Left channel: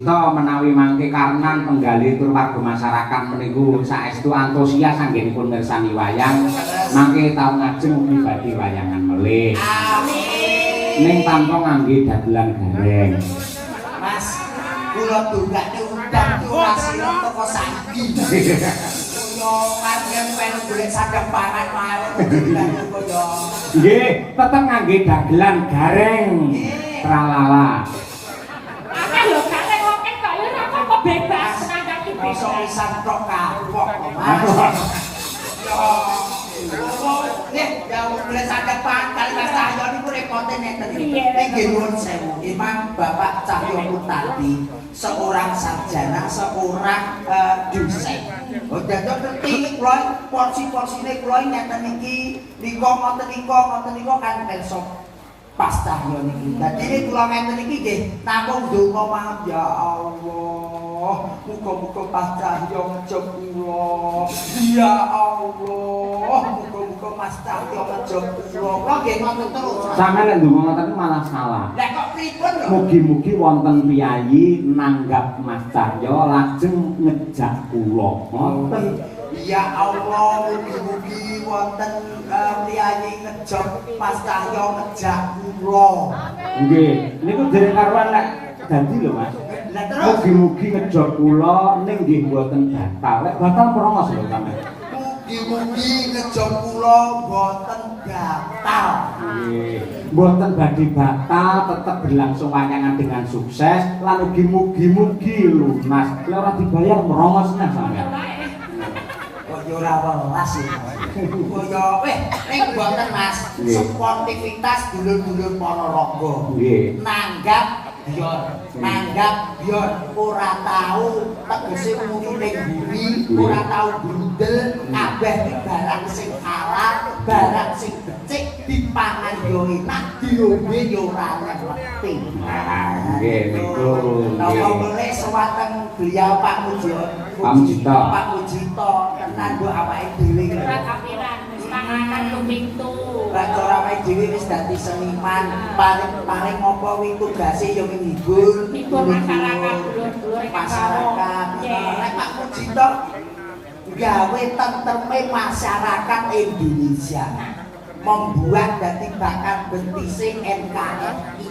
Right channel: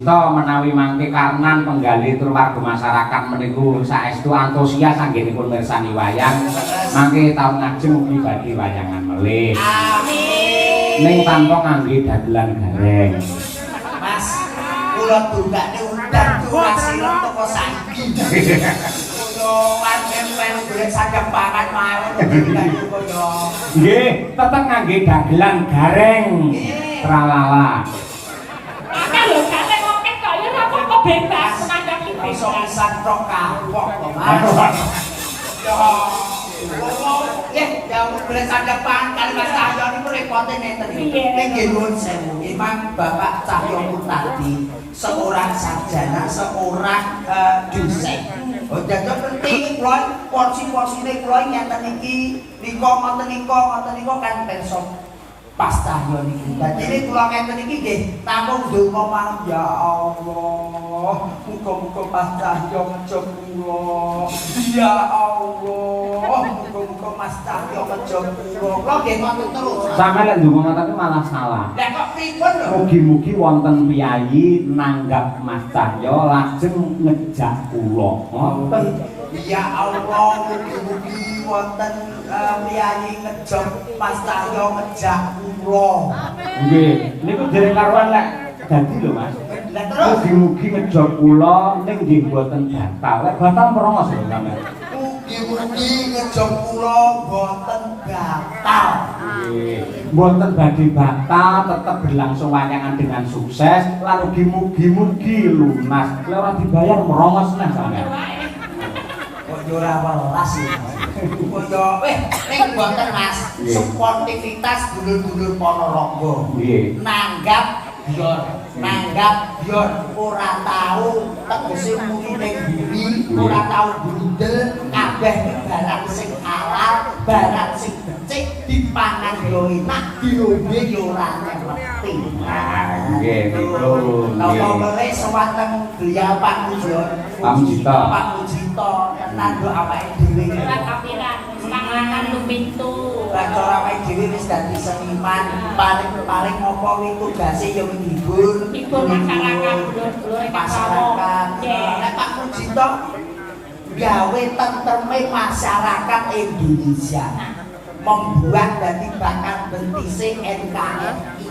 Kita menawi mangke karenan penggali tur warga masyarakat meniku saestu antusias anggenipun mirsani wayang mangke taun ngajeng ugi badhe wayangan melih. Amin. Ning tanpa ngangge dagelan gareng. Mas, kula dongakne undang Mas teko saiki. Kula panjen golek saged pangan mawon. Nggih, tetep ngangge dagelan gareng. Tralala. Bebas ngandang iso pisan tok kapok. Ya boleh saja Pak, kalau Mas Cahyo ini rekote neten iki. Nggih nuwun sewu. Memang Bapak Cahyo tadi seorang sarjana, seorang dosen. Dados penting kula porsi-porsine kula ngeten iki niku ngoten kan besok pas Cahyo niki. Dadi nek kula ngeten iki nggih namung donga mawon ya Allah. Muga-muga pas Cahyo ngejog kula. Ya Allah. Muga-muga Mas Cahyo ngejog kula. Kula nggih ngoten terus. Sampe lek ndonga ngoten malah salah. Lah kok pripun lho? Mugi-mugi wonten piyayi nanggap Mas Cahyo lajeng ngejak kula. Ngoten. Ya Allah, mugi-mugi wonten priyayi ngejog Mas Cahyo ngejak kula. Nggih, niku dereng karuan lek dadi lho Mas. Lah terus Mugi-mugi ngejog kula ning nggih mboten batal. Lek batal merongos lho sampe. mugi-mugi ngejog kula boten batal. Nggih, mboten badhe batal, tetep berlangsung wayangan dengan sukses lan ugi mugi-mugi lunas. Lewat dibayar merongos nah sampe. Kok ora welas iki. Kaya ning boten Mas, sportivitas dulur-dulur Ponorogo. Nggih. Nanggap yor ora tau tegese muni ning buri, ora tau bundel, kabeh barang sing halal, barang sing becik dipangan yo enak, diombe yo ora ngerti. Nggih, niku nggih. Napa melih sewateng beliau Pak Mujito. Pak Mujito tenan kok awake dhewe. Ora kapiran, mangan lumintu. Cara awake dhewe wis dadi seniman, paling apa wi tugase ya menghibur, Hibur masyarakat, dulur-dulur masyarakat. Nek Pak Mujito gawe tentreme masyarakat Indonesia. Membuat dadi bakat bentise NKRI.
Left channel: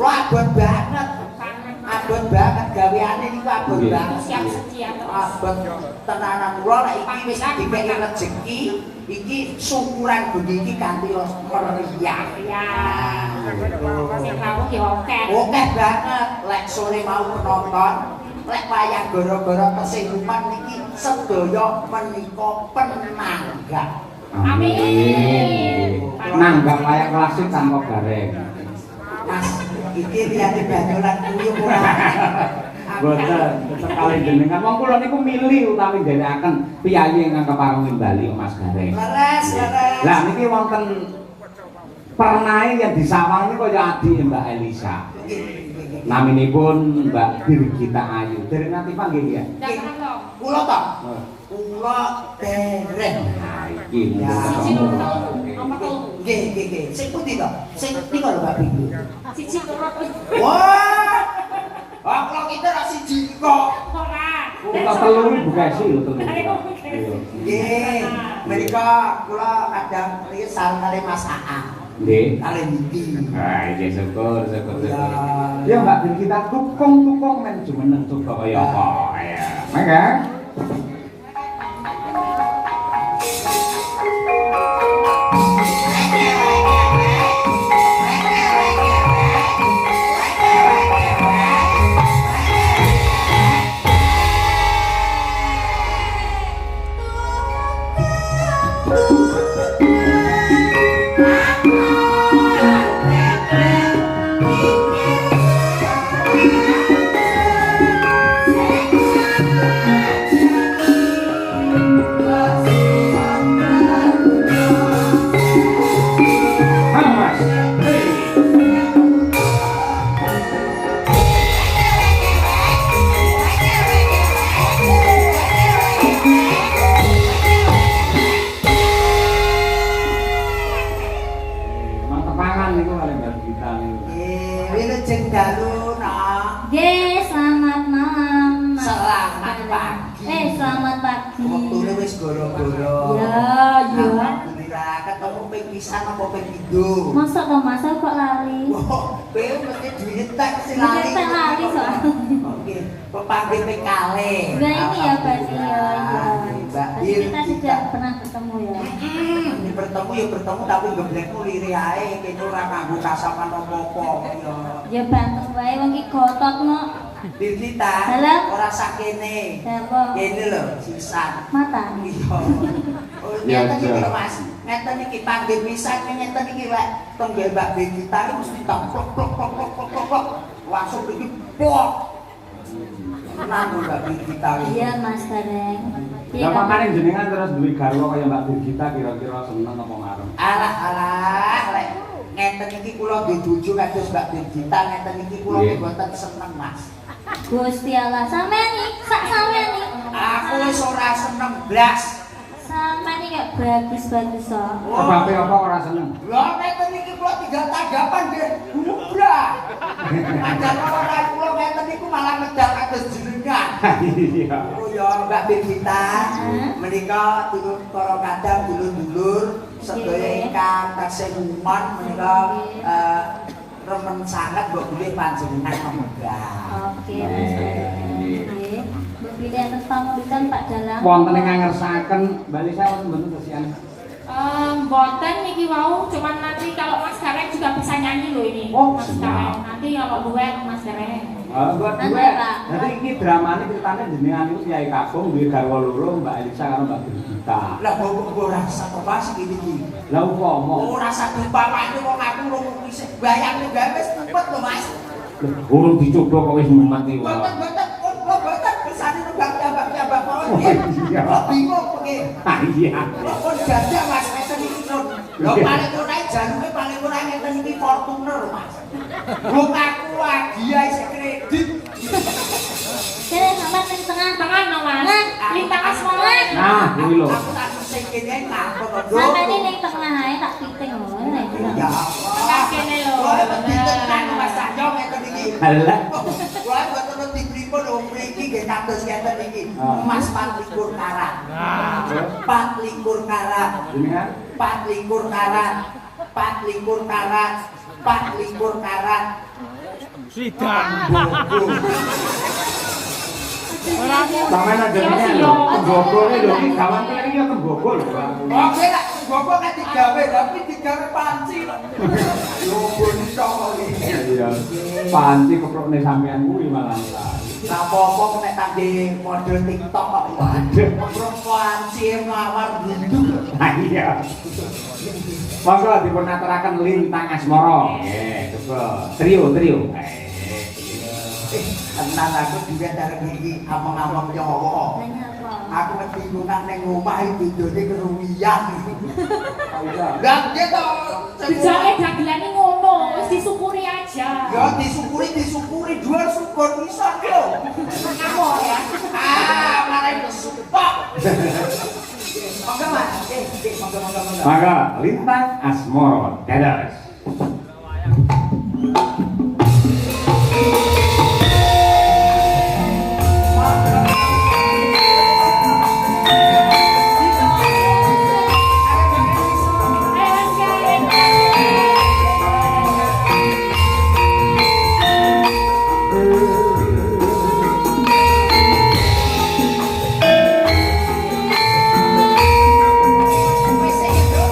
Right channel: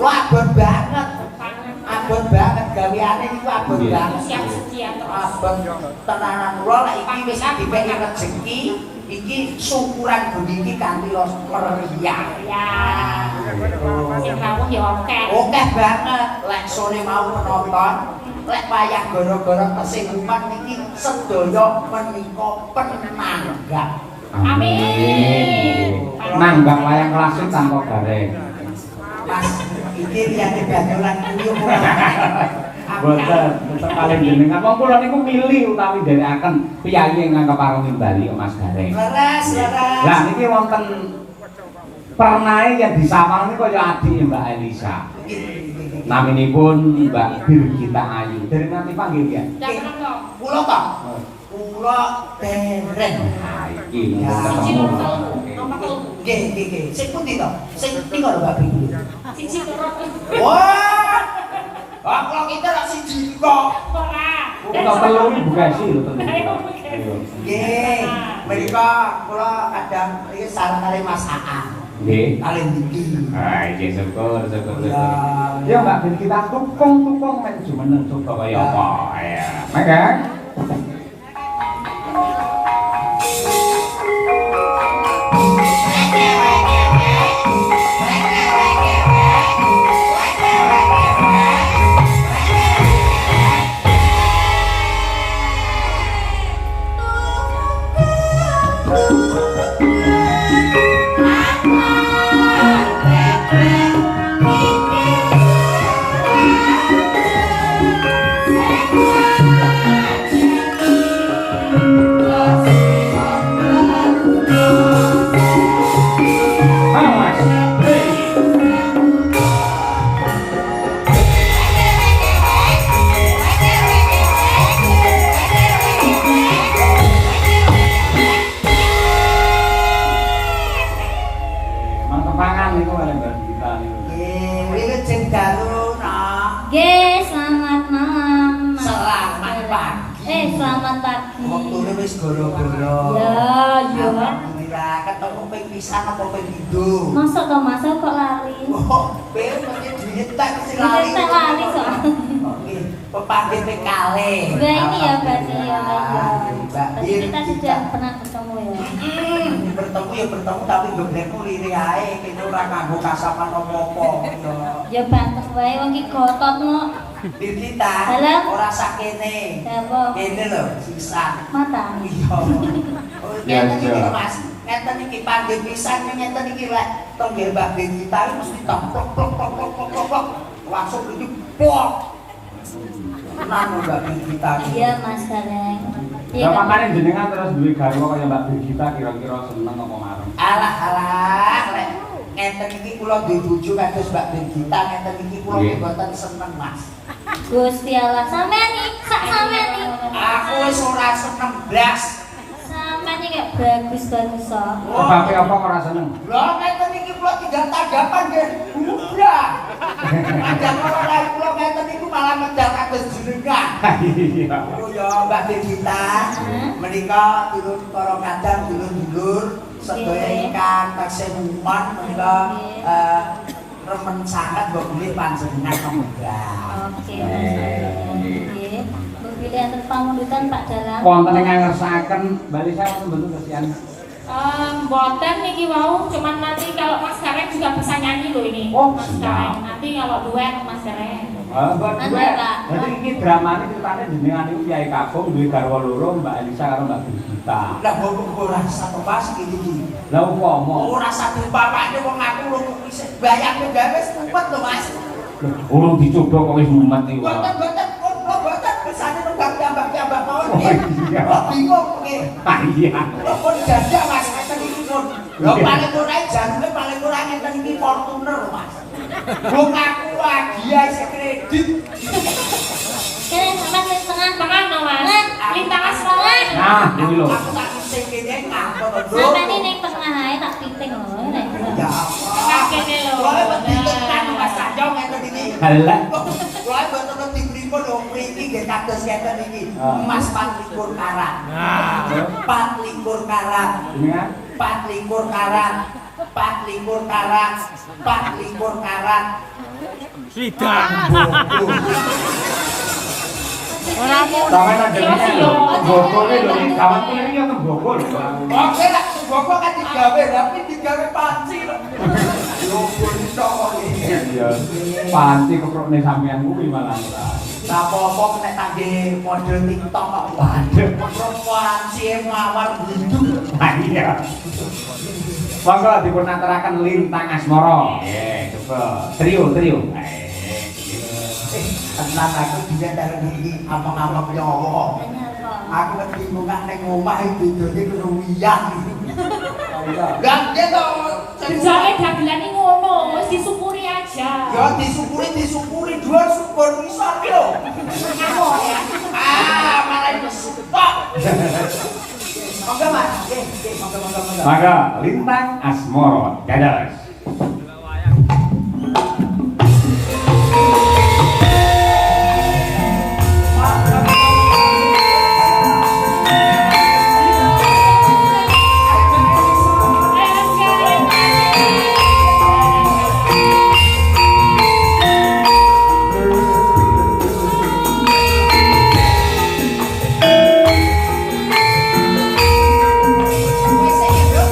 Wah, abot banget. Abot banget gaweane niku abot banget. Siap sedia Abot tenanan kula lek iki wis dipeki rezeki, iki syukuran bumi iki kanthi meriah. ya. Sing rawuh ya akeh. Akeh banget lek sore mau penonton, lek wayah gara-gara kesehatan niki sedaya menika penanggap. Amin. Nanggap wayang klasik tanpa gareng. Mas, iki liyane banyolan kuyup. Boten, kali jenengan wong kula niku milih utawi nderekaken piyayi ingkang kepareng Bali Mas Gareng. Leres. Lah niki wonten pernae yang disawang niku kaya adik Mbak Elisa. Naminipun Mbak Birgita Ayu. Dereng nanti panggil ya. Kula to. Kula dereng. Iki mung ketemu. Nggih. Sing pundi to? Sing tiga lho Mbak Birgita. Siji loro. Wah. Kok kita ra siji kok. Ora. Kita telu buka sih lho tentu. Nggih. Menika kula kadang iki sareng kali Mas Aan. Nggih. Kali niki. Ah, iki syukur. Ya Mbak Birgita tukung men jumeneng coba kaya apa. Ya. Mangga. pisan apa ping pindho? Mosok to Mas kok lali. Oh, kowe mesti dihentak mesti lali. Dihentak lali soalnya. Oke, pepanggil ping kalih. Udah ini ya berarti ya. Mbak Berarti kita sudah pernah bertemu ya. Bertemu ya bertemu tapi geblekmu lire ae kene ora kanggo kasapan apa-apa. Ya bantu wae wong iki gototmu. Dirgita ora sakene. Dawa. Kene lho sisa. Mata. Iya. Oh, ngeten iki Mas. Ngeten iki panggil pisan ngeten iki lek tong nggih Mbak Dirgita mesti toplok plok plok plok plok plok. Langsung iki pok. Nang Mbak Dirgita. Iya Mas Gareng. Ya makane jenengan terus duwe garwa kaya Mbak Dirgita kira-kira seneng apa marem. Alah lek ngeten iki kula duwe bojo kados Mbak Dirgita ngeten iki kula mboten seneng Mas. Gusti Allah, sampean iki, sak sampean iki. Aku wis ora seneng blas. Sampean iki gak bagus-bagus kok. Sebabe apa ora seneng? Lah ngeten iki kula tinggal tanggapan nggih. Blah. Padahal ora kula ngeten iku malah medal kados jenengan. Iya. Oh ya Mbak Dirgita, menika turun para kadang dulur-dulur sedaya ingkang kasemuman menika remen sangat mbok bilih panjenengan pemegah. Oke. Nggih. Mbok bilih atur pamulutan Pak Dalang. Wonten ingkang ngersakaken Mbak Lisa wonten mboten kesian. Mboten niki wau, cuman nanti kalau Mas Gareng juga bisa nyanyi loh ini. Oh, Mas siap. Gareng. Nanti kalau duet Mas Gareng. Buat duet. Jadi iki dramane ceritane jenengan niku Kyai Kakung duwe garwa loro Mbak Elisa karo Mbak Dirgita. Lah kok ora satu pas iki iki. Lah umpama Ora satu bapakne wong aku wong isih bayang gawe wis tumpet lho Mas. urung dicoba kok wis mumet iki. Boten boten kesane nunggak tambah mawon Oh, nggih. iya. Bingung nggih. Ah iya. Kok jajan Mas ngeten iki lho. Lho paling ora janune paling ora ngeten iki Fortuner Mas. Wong aku lagi ae sing kredit. Kene sampean wis tengah Tangan no Mas. Lintang asmara. Nah, iki lho. Aku tak sing kene nganggo lho. Sampean iki ning tengah ae tak piting lho. Ya. Kakene lho. Wah, ditekan Mas Sanjo ngeten iki. Halah. Wah, boten dipripun lho mriki nggih kados ngeten iki. Emas 24 karat. 24 karat. Jenengan 24 karat. 24 karat. 24 karat. Sidang. sampeyan jenenge lho. Gogol iki lho gawan kuwi iki apa gogol. Oke lah, gua kan digawe, tapi digawe panci lho. Lho bonto iki. Iya. Panti keprokne sampeyan kuwi malah. Lah apa-apa nek tangge model TikTok kok. Waduh. Panci mawar hidup. Nah iya. Monggo dipun aturaken Lintang Asmara. Nggih, coba. Trio. Tenang aku juga dari diri amang-amang nyawa. Aku kebingungan ning omah iki dene keruwian. Lah gitu. Jane dagelan iki ngono, wis disyukuri aja. Ya disyukuri dua syukur bisa lho. Malah itu stop. Monggo Mas. Monggo. Maka Lintang Asmara. Dados. Wis iki, Bro.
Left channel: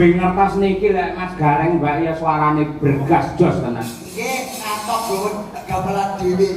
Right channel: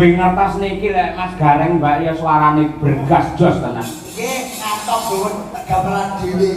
Lambing ngertos niki lek Mas Gareng Mbak ya suarane bergas jos tenan. Nggih, ngatok Gun, gamelan dhewe.